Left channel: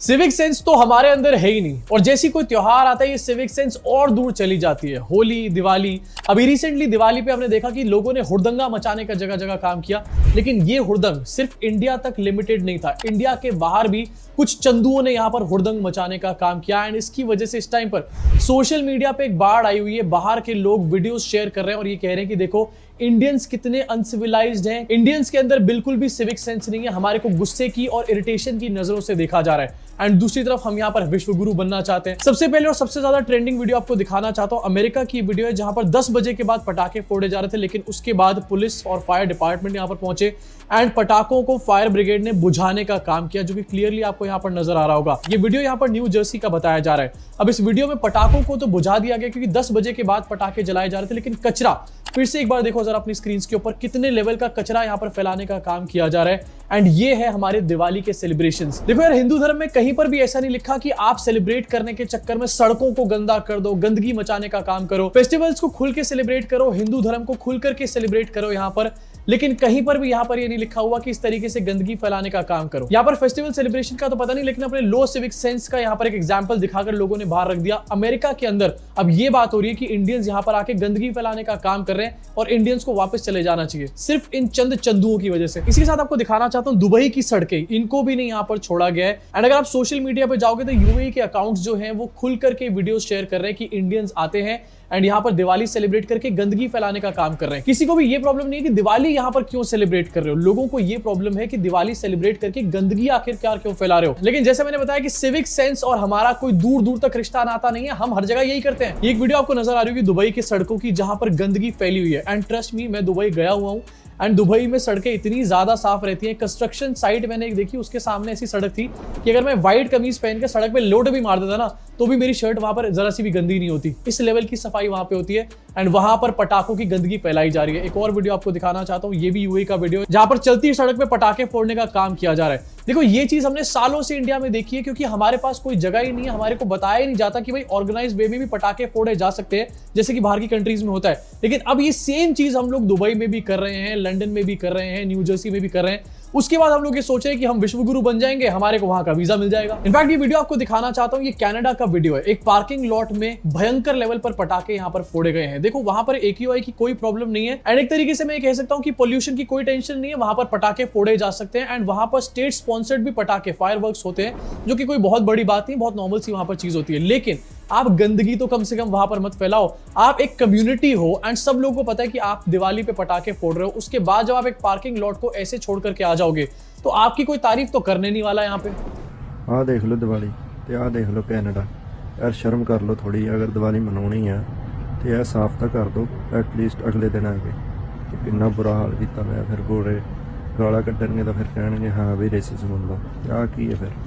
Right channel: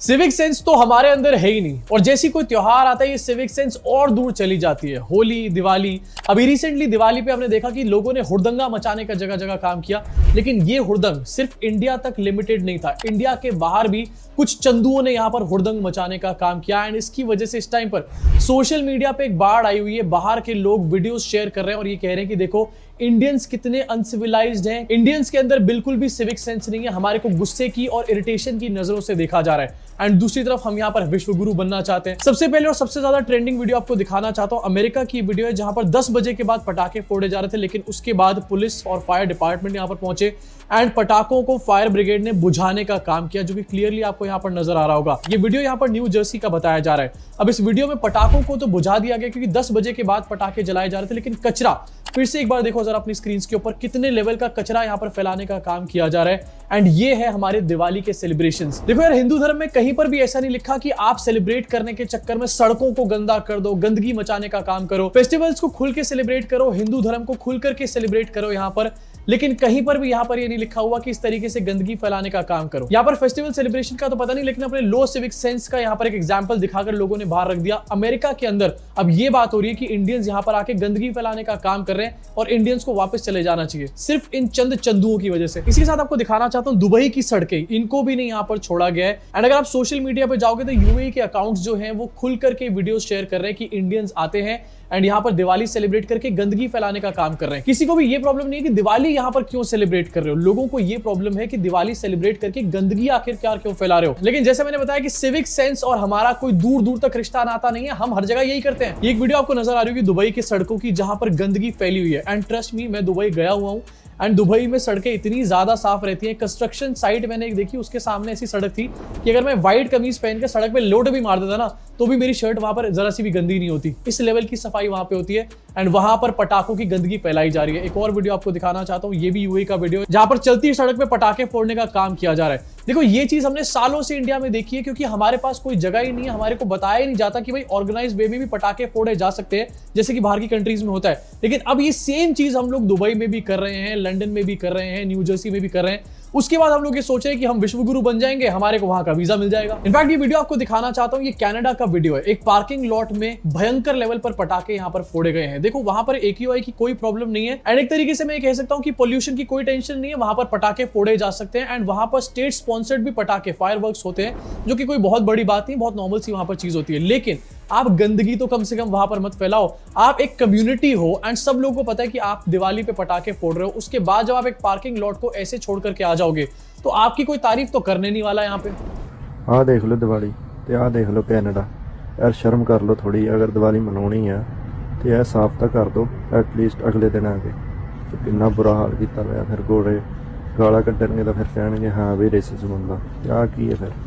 Civic sense तो हमारे अंदर है ही नहीं, और जैसी कोई त्योहार आता है ये सिविक सेंस और दूर चली जाती है। होली, दिवाली, अभी रिसेंटली दिवाली पे हमने देखा कि लोगों ने हुड़दंगा मचाने का जगह जगह काम किया, लेकिन ये हुड़दंग सिर्फ इंडिया तक लिमिटेड नहीं था। इंडिया के बाहर भी कुछ चंदुओं ने यहाँ पर हुड़दंग मचाने का काम किया, एंड इसकी वजह से इस टाइम पर सोशल मीडिया पे एक बाढ़ आई हुई है। बाहर के लोग वीडियोस शेयर कर रहे हैं और ये कह रहे हैं कि देखो इंडियंस कितने अनसिविलाइज्ड हैं, इंडियंस के अंदर बिल्कुल भी सिविक सेंस नहीं है, हमारे को गुस्से की और इरिटेशन की नजरों से देखा जा रहा है। एंड दूसरी तरफ हम यहाँ पर विश्व गुरु बनना चाहते हैं। सबसे पहले और सबसे ज्यादा ट्रेंडिंग वीडियो आपको दिखाना चाहता हूँ, अमेरिका की वीडियो है जहां पर 10 बजे के बाद पटाखे फोड़े जा रहे थे, लेकिन उसके बाद पुलिस और फायर डिपार्टमेंट यहाँ पर पहुंचे एंड पटाखों को फायर ब्रिगेड ने बुझाने का काम किया, जो कि क्लियरली आपको यहाँ पर नजर आ रहा होगा। ये वीडियो यहाँ पर न्यू जर्सी का बताया जा रहा है। अब इस वीडियो में पटाखों को तो बुझा दिया गया क्योंकि 10 बजे के बाद पटाखे जलाए जा रहे थे, लेकिन कचरा फिर से एक बार देखो जरा अपनी स्क्रीन के ऊपर कितने लेवल का कचरा यहाँ पर फैलाने का काम किया जा रहा है। एंड ये है हमारे दिवाली के सेलिब्रेशंस। देखो यार, हिंदू धर्म में कहीं पर भी ऐसा नहीं लिखा कि आप सेलिब्रेट करने के चक्कर में सड़कों को गंदा कर दो, गंदगी मचाने का काम करो। फेस्टिवल्स को खुल के सेलिब्रेट करो, हिंदू धर्म को खुल करके सेलिब्रेट करो यहाँ पर, लेकिन कहीं पर भी यहाँ पर ये नहीं लिखा हुआ कि इस तरीके से गंदगी फैलाने का काम करो। यहाँ पर फेस्टिवल सेलिब्रेशन का तो पता नहीं, लेकिन अपने लो सिविक सेंस का यहाँ पर एक एग्जांपल दिखाकर लोगों ने बाहर रख दिया। अमेरिका के अंदर अब ये बात हो रही है कि इंडियंस यहाँ पर आके गंदगी फैलाने का काम कर रहे हैं और इंडियंस को वापस चले जाना चाहिए सिर्फ इन चंद चंदुओं की वजह से। इसी के साथ आपको दिखाना चाहता हूँ दुबई की सड़कें, इनको भी नहीं यहाँ पर छोड़ा गया है। एंड अगर आप सोशल मीडिया पे जाओगे तो यूएई के अकाउंट्स जो हैं वो खुल करके वीडियो शेयर कर रहे हैं कि इंडियंस आते हैं एंड यहाँ पर दिवाली सेलिब्रेट करके गंदगी फैलाने का काम कर रहे हैं। किसी को भी ये प्रॉब्लम नहीं है कि दिवाली यहाँ पर क्यों सेलिब्रेट कर रहे हो, लोगों को ये प्रॉब्लम है कि दिवाली सेलिब्रेट करके गंदगी आखिरकार क्यों फैला रहे हो। लेकिन जैसे मैंने बताया कि सिविक सेंस और हमारा कोई दूर दूर तक रिश्ता नाता नहीं है, हम हर जगह यही करते हैं। एक वीडियो आपको नजर आ रही होगी दुबई की सड़कों की जहां पर गंदगी फैली हुई है। एंड ट्रस्ट मी, मैं दुबई गया हुआ हूँ एंड दुबई में सड़कें इतनी ज्यादा साफ रहती है। कंस्ट्रक्शन साइट मैंने एक देखी, उसके सामने ऐसी सड़क थी कि अगर मैं व्हाइट कमीज पहन के सड़क पे लोड भी मार देता ना तो भी मेरी शर्ट वहां पर जरा सी भी गंदी नहीं होती। इस लेवल की सफाई वहां पे होती है एंड वहां पर पटाखों की गंदगी फैलाई जा रही है। एक और वीडियो आपको दिखाना चाहता हूँ, ये भी यूएई का वीडियो है जहां पर चलती सड़क पे पटाखे फोड़ने का काम किया जा रहा है। देखो ये चीज हमने सालों से इंडिया में देखी है क्योंकि हमारे पास कोई जगह ही नहीं है, हमारे को बताया ही नहीं जाता कि भाई ऑर्गेनाइज वे में भी पटाखे फोड़े जा सकते हैं जैसे कि बाहर की कंट्रीज में होता है। लेकिन अब ये सेम चीज हम लोग दुबई में भी कर रहे हैं, लंदन में भी कर रहे हैं, न्यू जर्सी में भी कर रहे हैं। उसके बाद हम लोग ये सोचे कि हम विश्व गुरु बन जाएंगे, हमारे को वहां का वीजा मिल जाएगा। इनफैक्ट ये वीडियो आपको दिखाना चाहता हूँ, ये कनाडा का वीडियो है। एक पार्किंग लॉट में भयंकर लेवल पर पटाखे यहाँ पर फोड़े गए हैं। देखो वहां पर AQI की कोई प्रॉब्लम नहीं है एंड एक तरीके से मैं ये कह सकता हूँ कि पोल्यूशन की कोई टेंशन नहीं है, वहां पर पटाखे फोड़े जा सकते हैं। एंड वहां पर स्टेट स्पॉन्सर्ड भी पटाखे फायरवर्क्स होते हैं, जो कि कोई बहुत बड़ी बात नहीं, बहुत नॉर्मल सी वहां पर चीज होती है। लेकिन आप गंदगी तो कम से कम वहां पर मत फैलाओ। आप एक कम्युनिटी हो एंड सब लोगों को पता है कि आप दिवाली पे पटाखे फोड़ रहे हो, उसके बाद जब आप एक पार्किंग लॉट को ऐसे छोड़ करके आ जाओगे तो आपकी कोई तारीफ तो करने नहीं वाला यहाँ पे। आ देख लो दिवाली ते आ देख लो कनाडा, यार शर्म कर लो थोड़ी। अगर दिवाली मनानी है तो यह साफ तो कर दो एटलीस्ट अगले दिन आके। तो कितना बुरा हाल किया मैं फिर गोरे गाला कड्डणगे तो फिर कहणगे हाँ भी रेसिज्म होगा, क्या की है फिर।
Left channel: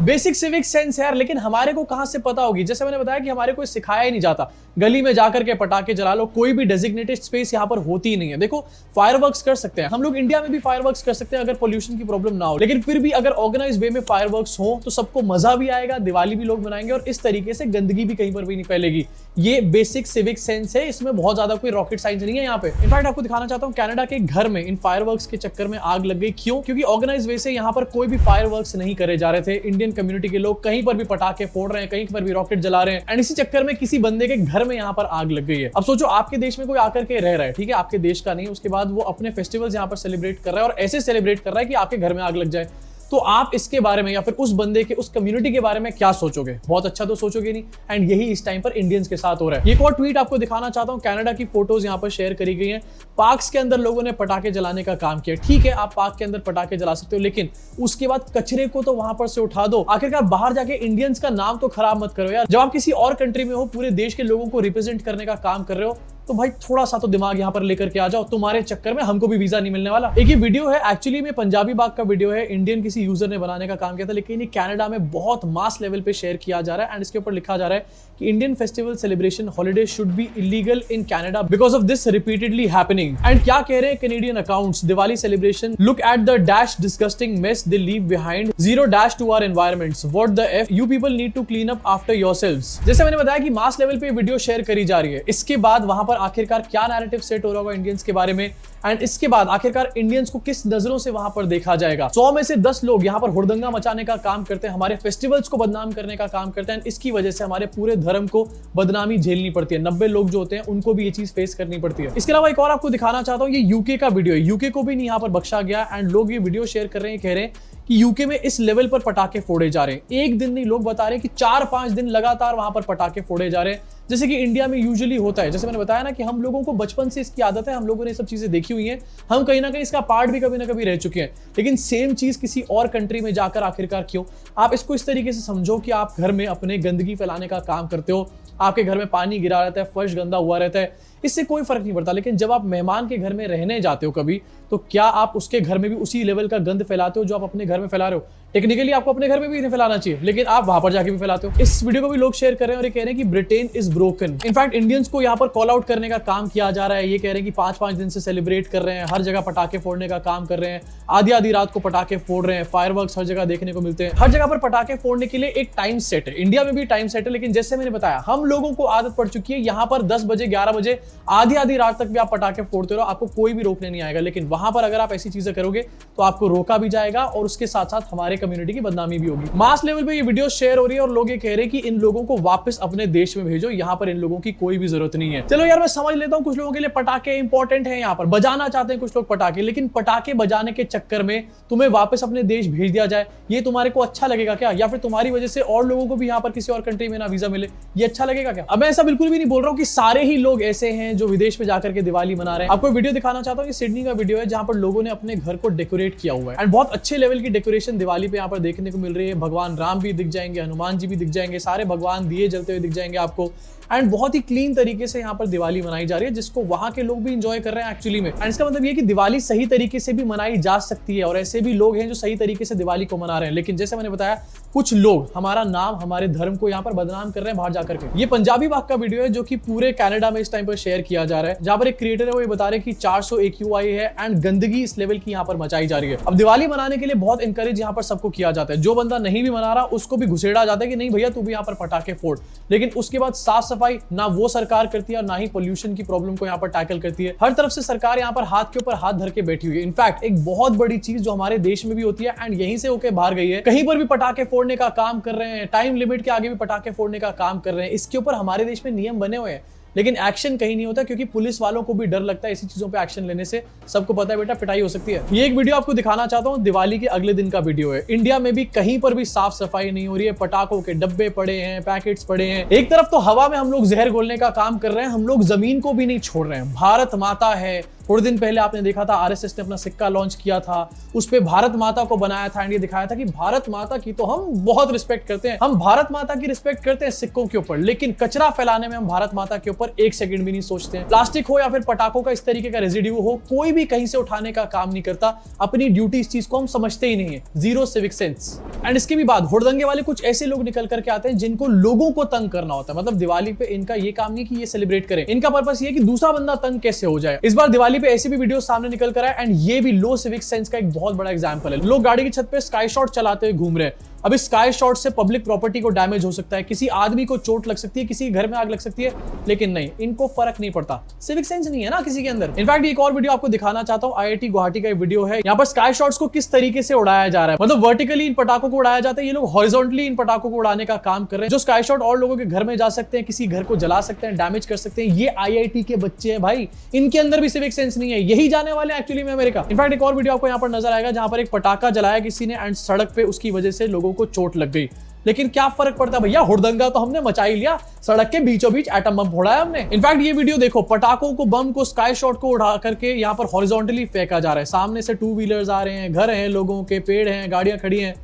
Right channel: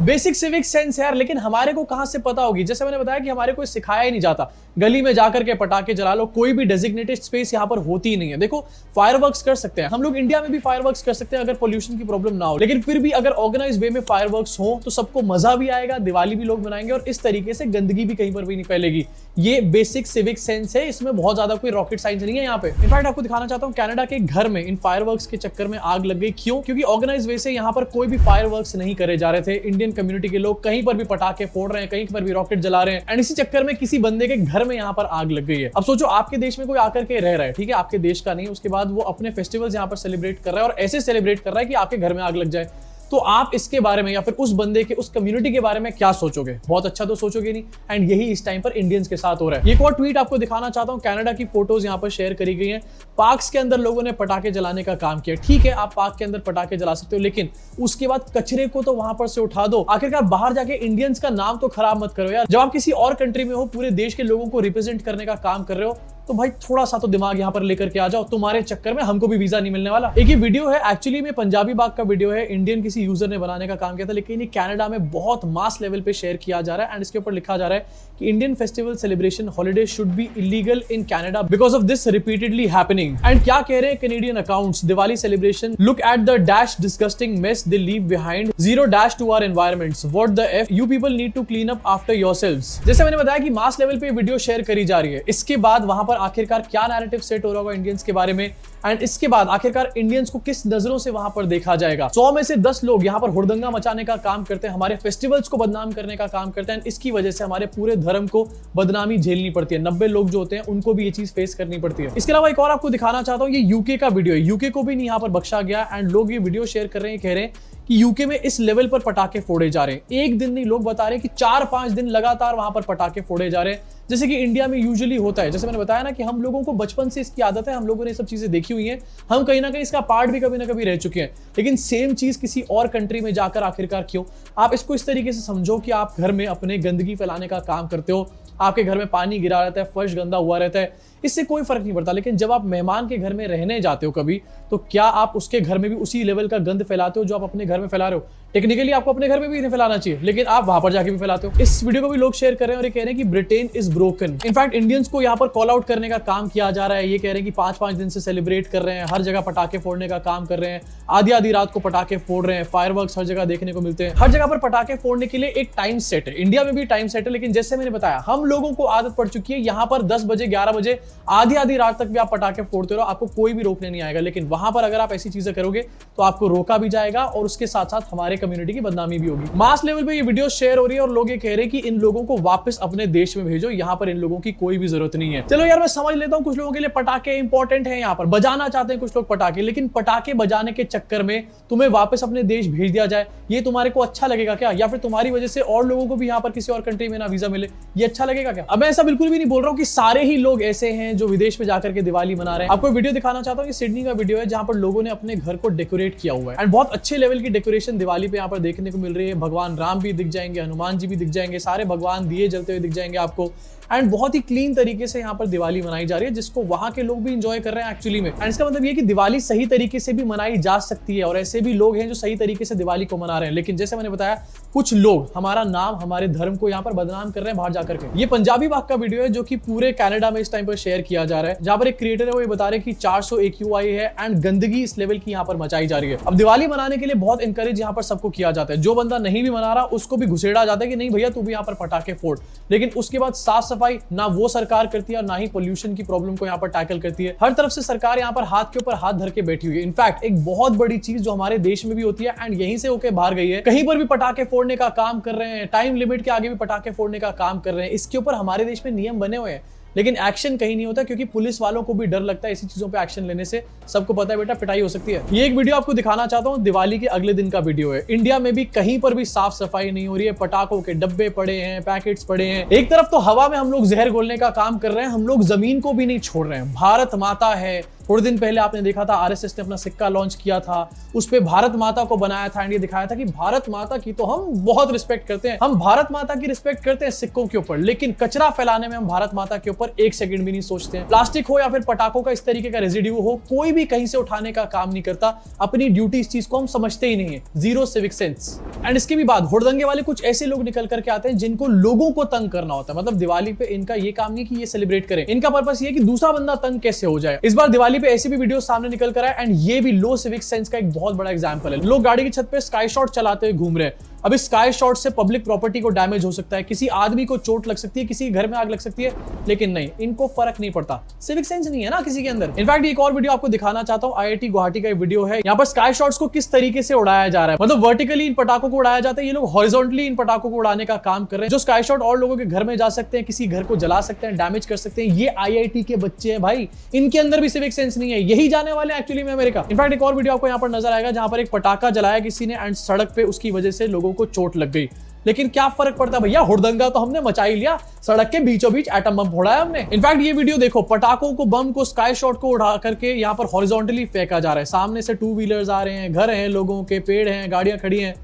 बेसिक सिविक सेंस यार, लेकिन हमारे को कहां से पता होगी। जैसे मैंने बताया कि हमारे को सिखाया ही नहीं जाता। गली में जाकर के पटाखे जला लो, कोई भी डेजिग्नेटेड स्पेस यहाँ पर होती ही नहीं है। देखो फायरवर्क्स कर सकते हैं हम लोग, इंडिया में भी फायरवर्क्स कर सकते हैं अगर पोल्यूशन की प्रॉब्लम ना हो, लेकिन फिर भी अगर ऑर्गेनाइज वे में फायरवर्क्स हो तो सबको मजा भी आएगा, दिवाली भी लोग मनाएंगे और इस तरीके से गंदगी भी कहीं पर भी नहीं फैलेगी। ये बेसिक सिविक सेंस है, इसमें बहुत ज्यादा कोई रॉकेट साइंस नहीं है यहाँ पे। इनफैक्ट आपको दिखाना चाहता हूँ कनाडा के घर में इन फायरवर्क्स के चक्कर में आग लग गई। क्यों? क्योंकि ऑर्गेनाइज वे से यहाँ पर कोई भी फायरवर्क्स नहीं करे जा रहे थे। इंडियन कम्युनिटी के लोग कहीं पर भी पटाखे फोड़ रहे हैं, कहीं पर भी रॉकेट जला रहे हैं एंड इसी चक्कर में किसी बंदे के घर में यहाँ पर आग लग गई है। अब सोचो आपके देश में कोई आकर के रह रहा है, ठीक है, आपके देश का नहीं, उसके बाद वो अपने फेस्टिवल्स यहाँ पर सेलिब्रेट कर रहा है और ऐसे सेलिब्रेट कर रहा है कि आपके घर में आग लग जाए, तो आप इसके बारे में या फिर उस बंदे के, उस कम्युनिटी के बारे में क्या सोचोगे? बहुत अच्छा तो सोचोगे नहीं। एंड यही इस टाइम पर इंडियंस के साथ हो रहा है। एक और ट्वीट आपको दिखाना चाहता हूँ, कनाडा की फोटोज यहाँ पर शेयर करी गई है। पार्क्स के अंदर लोगों ने पटाखे जलाने का काम किया। ठीक है, आप पार्क के अंदर पटाखे जला सकते हो, लेकिन उसके बाद कचरे को तो वहां पर से उठा दो। आखिरकार बाहर जाके इंडियंस का नाम तो खराब मत करो यार। जब आप किसी और कंट्री में हो, पूरे देश के लोगों को रिप्रेजेंट करने का काम कर रहे हो, तो भाई थोड़ा सा तो दिमाग यहाँ पर लेकर के आ जाओ। तुम्हारे चक्कर में हमको भी वीजा नहीं मिलने वाला। एक ये वीडियो है, एक्चुअली में पंजाबी बाग का वीडियो है, इंडियन किसी यूजर ने बनाने का काम किया था, लेकिन ये कनाडा में बहुत मास लेवल पे शेयर किया जा रहा है एंड इसके ऊपर लिखा जा रहा है कि Indian festival celebration holiday should be illegal in Canada because of this repeatedly happening. And क्या कह रहे हैं Canadian accounts, Diwali celebration, look at the dash disgusting mess they leave behind, zero dash to our environments, what the F, you people need to clean up after yourselves. जैसे मैंने बताया कि mass level पे video share करी जा रही है, इसके बाद वहां पर आखिरकार क्या नैरेटिव सेट हो रहा होगा इंडियंस के बारे में एंड इसके बाद आखिरकार इंडियंस को किस नजरों से वहां पर देखा जाएगा। 100 में से 10 लोग यहाँ पर हुड़दंगा मचाने का काम करते हैं, हमारे फेस्टिवल्स को बदनाम करने का काम करते हैं। इसकी वजह से हमारे पूरे धर्म को बदनामी झेलनी पड़ती है। 90 लोग जो होते हैं उनको भी ये चीज फेस करनी पड़ती है। इसके अलावा एक और आपको दिखाना चाहता हूँ, ये यूके का वीडियो है। यूके को भी नहीं यहाँ पर बख्शा गया एंड लोग ये वीडियो शेयर कर रहे हैं, कह रहे हैं कि यूके में इस लेवल पर पटाखे फोड़े जा रहे हैं। एक दिन नहीं, लोग बता रहे हैं कि 4-5 दिन लगातार वहां पर पटाखे फोड़े जा रहे हैं, जैसे कि इंडिया में यूजुअली होता है। जैसे मैंने बताया ना कि हम लोगों को बचपन से इसकी आदत है, हम लोगों ने सब चीजें देखी हुई है, हम कहीं ना कहीं इसका पार्ट भी कभी ना कभी रह चुके हैं। लेकिन सेम चीज किसी और कंट्री में जाकर आखिरकार क्यों? आप इसको इस तरीके से समझो कि आप घर में अपने गंदगी फैलाने का काम करते हो, आपके घर में पानी गिरा रहता है, फर्श गंदा हुआ रहता है, इससे कोई फर्क नहीं पड़ता। लेकिन जब आप मेहमान के घर में रहने जाते हो कभी, तो क्या आप उसके घर में भी उसी लेवल का गंद फैलाते हो जो आप अपने घर में फैला रहे हो? टेक्निकली आपको अपने घर में भी नहीं फैलाना चाहिए, लेकिन आप वहां पर जाके भी फैलाते हो। इस वीडियो को भी लोग शेयर कर रहे हैं और ये कह रहे हैं कि Britain is broken. In fact Indians को यहाँ पर कॉल आउट करने का काम किया जा रहा है। ये कह रहे हैं कि 5-5 दिन से सेलिब्रेट कर रहे हैं, हर जगह पटाखे फोड़ने का काम कर रहे हैं, आधी रात को पटाखे फोड़ रहे हैं, फायरवर्क्स हर जगह देखने को मिलते हैं। हर जगह पर पटाखे फोड़ने के लिए एक टाइम सेट है, इंडिया में भी टाइम सेट है। लेकिन जैसे मैंने बताया, हम लोगों को आदत पड़ चुकी है, यहाँ पर 10 बजे 11 बजे आधी रात तक भी आप पटाखे फोड़ते रहो, आपको कोई भी रोकने नहीं आएगा। लेकिन वहां पर अगर आप ऐसी चीजें करोगे तो आपको रोका भी जाएगा और उसके साथ साथ हमारे कम्युनिटी की बदनामी भी होगी। मास लेवल पे ये वीडियो शेयर हो रही है और लोग ये कह रहे हैं कि इन लोगों को वापस अपने देश में भेजो, यहाँ पर इन लोगों की कोई भी जरूरत नहीं है। चलो यार, मैं समझ लेता हूँ कुछ लोगों के लिए पटाखे इंपॉर्टेंट है, यहाँ पर बजाना चाहते हैं कुछ लोग पटाखे, लेकिन पटाखे बजाने के चक्कर में तुम्हें वापस अपने देश भेज दिया जाए, ये तुम्हारे को अच्छा लगेगा क्या? या फिर तुम्हारी वजह से और लोगों को भी यहाँ पर किसी और कंट्री में ना वीजा मिले, ये अच्छा लगेगा क्या? अब मैं ऐसा बिल्कुल भी नहीं बोल रहा हूँ कि सारे ही लोग ऐसे हैं जो विदेश में जाकर के दिवाली मना रहे हैं। आपको वीडियो दिखाना चाहता हूँ कि सिडनी का वीडियो है, जहाँ पर लोगों ने अपने घर को डेकोरेट किया हुआ है एंड बहुत अच्छे लेवल की डेकोरेशन दिवाली पे यहाँ पर देखने को मिल रही है। भगवान राम भी दिख जाएंगे, हनुमान जी भी दिख जाएंगे, सारे भगवान दिए जलते हुए दिख जाएंगे आपको एंड बहुत ही क्लीन तरीके से यहाँ पर दिवाली मनाई जा रही है, जिसको वहां के लोग भी एंजॉय कर रहे हैं एक्चुअली में। एंड इसका मतलब ये कि दिवाली सही तरीके से भी मनाई जा सकती है और ऐसे भी लोग हैं जो सही तरीके से दिवाली को मना रहे हैं। लेकिन जैसे मैंने बताया, कुछ लोग हमारा नाम, हमारे धर्म को यहाँ पर बदनाम कर रहे हैं बाहर जाकर के। ये पंजाबी बाग का वीडियो है जो कि पूरे कनाडा में इस टाइम पर शेयर किया जा रहा है, जहाँ पर एक क्रिएटर है वो ये बता रहे हैं कि 400 AQI है एंड गंदगी इस लेवल की यहाँ पर मचाई जा रही है। अब दिवाली मनाने के लिए बहुत इंकरेज यहाँ पर सबको किया जाता है, जो बंदा नहीं भी मना रहा उसको भी घुसेड़ा जाता है कि नहीं भैया तू भी यहाँ पर पटाखे फोड़। लेकिन उसके बाद साफ सफाई ना वो सरकार करती है और ना ही पोल्यूशन की प्रॉब्लम को यहाँ पर टैकल करती है। हर तरफ से सरकार यहाँ पर हाथ के ऊपर हाथ धर के बैठी हुई है। इनफैक्ट एक बहुत बड़ी चीज जो हमारे देश में भी होती है एंड यहीं से होके बाहर गई है, कहीं पर भी पटाखे फोड़ने का काम कर रहे हैं, टाइम लिमिट के आगे भी पटाखे फोड़ने का काम कर रहे हैं। इसके ऊपर हमारे देश में नियम बने हुए हैं, लेकिन एक्शन कहीं नहीं होता क्योंकि पुलिस वालों को भी डर लगता है ऐसी चीजों पे एक्शन लेने से। सबको पता है बेटा पिटाई हो सकती है। ये एक वीडियो आपको दिखाना चाहता हूँ, दिवाली के अगले दिन का वीडियो है। इंडिया में भी कहीं पर भी साफ सफाई नहीं हो रही है, पटाखों के डब्बे पड़े हैं, पैकेट्स पड़े हैं। एक तरफ तो हवा में हम लोग जहर घोलने का काम कर रहे हैं, हम लोग जमीन को भी नहीं छोड़ रहे हैं। भारत माता है, थोड़े दिन पहले आपने देखा था आरएसएस ने अपना सिक्का लॉन्च किया था, उस पे भारत माता को बनाया था एंड ये दिखाया था कि भारत माता की तो हम बहुत रिस्पेक्ट करते हैं, हम भारत माता की रिस्पेक्ट करते हैं सिक्कों के ऊपर, लेकिन कचरा फैलाने में हम भारत माता के ऊपर एक सेकंड भी नहीं सोचते हैं। प्लास्टिक हो या फिर पटाखों का इस तरीके का रेजिड्यू हो, कोई भी कहीं से उठाने का काम नहीं करता। अपनी ड्यूटी इस चीज को हम समझते ही नहीं है, जीरो सिविक सेंस। एंड इसके भी बाद हुड़दंगे वाले कुछ ऐसे लोग निकल करके आते हैं जिनको लोगों को तंग करना होता है। मतलब दिवाली पे इनका ये काम नहीं कि ये सेलिब्रेट करें, इनका पर्पस ये कि दूसरा बंदा तंग कैसे हो जाए। इस बार दिवाली पे ऐसी भी वीडियो सामने निकल कर आए एंड ये भी लो सिविक सेंस का एक बहुत बड़ा एग्जांपल है। लोग गाड़ी की छत पे स्काई शॉट चलाते हुए घूम रहे हैं। अब इस स्काई शॉट से पब्लिक प्रॉपर्टी को डैमेज हो सकता है, किसी आदमी को चोट लग सकती है, किसी घर में आग लग सकती है, लेकिन नहीं, इनको फर्क नहीं पड़ता। सिविक सेंस नहीं है ना किसी के अंदर। इनफैक्ट एक और वीडियो आपको दिखाना चाहता हूँ, आईआईटी गुवाहाटी का वीडियो है। यहाँ पर स्काई शॉट्स को किस तरीके से उड़ाया जा रहा है, मतलब वर्टिकली इन पटाखों को उड़ाया जाता है, ये लोग हॉरिजॉन्टली इन पटाखों को उड़ाने का काम कर रहे हैं। जो स्काई शॉट और लोगों के घर में जा सकते हैं, किसी घर को जला सकते हैं, डैमेज कर सकते हैं, ये आईआईटी के बच्चे हैं भाई, इनके अंदर भी सिविक सेंस नहीं है। यही जाने वाले एक्चुअली में अमेरिका। इनफैक्ट एक और वीडियो आपको यहाँ पर नजर आएगा जहां पर एक पटाखा जलाया किसी ने एंड सड़क पे उसकी वजह से लोगों को चोट लग गई। लेकिन क्या फर्क पड़ता है भैया, हुड़दंगा तो हमने मचा ही लिया, सड़क के बीचों बीच एटम बम फोड़ा है हमने। इनफैक्ट ये वीडियो देखो, पटाखों को, बम को, स्काई शॉट को उड़ा करके यहाँ पर हॉरिजॉन्टली फेंका जा रहा है। सामने से 2 व्हीलर्स आ रहे हैं, घर हैं, लोगों के पेड़ हैं, गाड़ियां खड़ी हैं,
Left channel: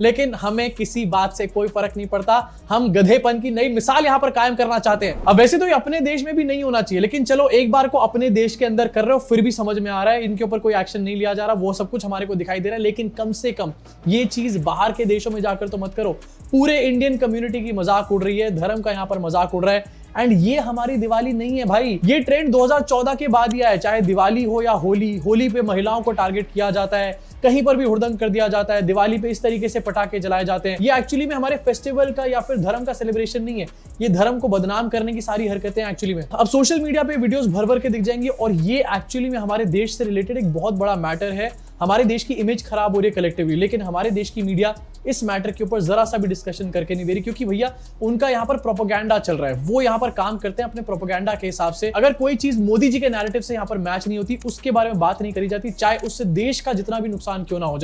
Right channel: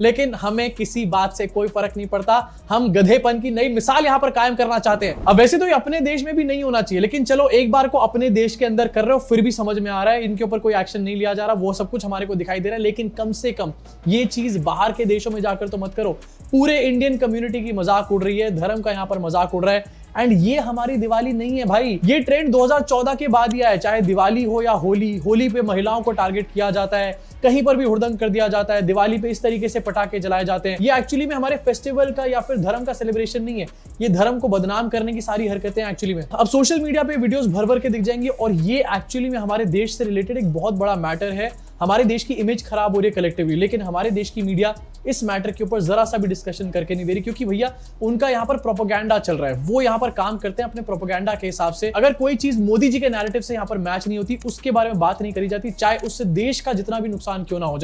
लेकिन हमें किसी बात से कोई फर्क नहीं पड़ता। हम गधेपन की नई मिसाल यहाँ पर कायम करना चाहते हैं। अब वैसे तो ये अपने देश में भी नहीं होना चाहिए, लेकिन चलो एक बार को अपने देश के अंदर कर रहे हो, फिर भी समझ में आ रहा है इनके ऊपर कोई एक्शन नहीं लिया जा रहा, वो सब कुछ हमारे को दिखाई दे रहा है। लेकिन कम से कम ये चीज बाहर के देशों में जाकर तो मत करो। पूरे इंडियन कम्युनिटी की मजाक उड़ रही है, धर्म का यहाँ पर मजाक उड़ रहा है एंड ये हमारी दिवाली नहीं है भाई। ये ट्रेंड 2014 के बाद ही आया, चाहे दिवाली हो या होली। होली पे महिलाओं को टारगेट किया जाता है, कहीं पर भी हुड़दंग कर दिया जाता है, दिवाली पे इस तरीके से पटाखे जलाए जाते हैं, ये एक्चुअली में हमारे फेस्टिवल का या फिर धर्म का सेलिब्रेशन नहीं है, ये धर्म को बदनाम करने की सारी हरकतें एक्चुअली में। अब सोशल मीडिया पे वीडियोस भर भर के दिख जाएंगी और ये एक्चुअली में हमारे देश से रिलेटेड एक बहुत बड़ा मैटर है। हमारे देश की इमेज खराब हो रही है कलेक्टिवली, लेकिन हमारे देश की मीडिया इस मैटर के ऊपर जरा सा भी डिस्कशन करके नहीं दे रही, क्योंकि भैया उनका यहाँ पर प्रोपेगेंडा चल रहा है, वो यहाँ पर काम करते हैं अपने प्रोपेगेंडा के हिसाब से। अगर कोई चीज मोदी जी के नैरेटिव से यहाँ पर मैच नहीं होती, उसके बारे में बात नहीं करी जाती, चाहे उससे देश का जितना भी नुकसान क्यों ना हो जाए।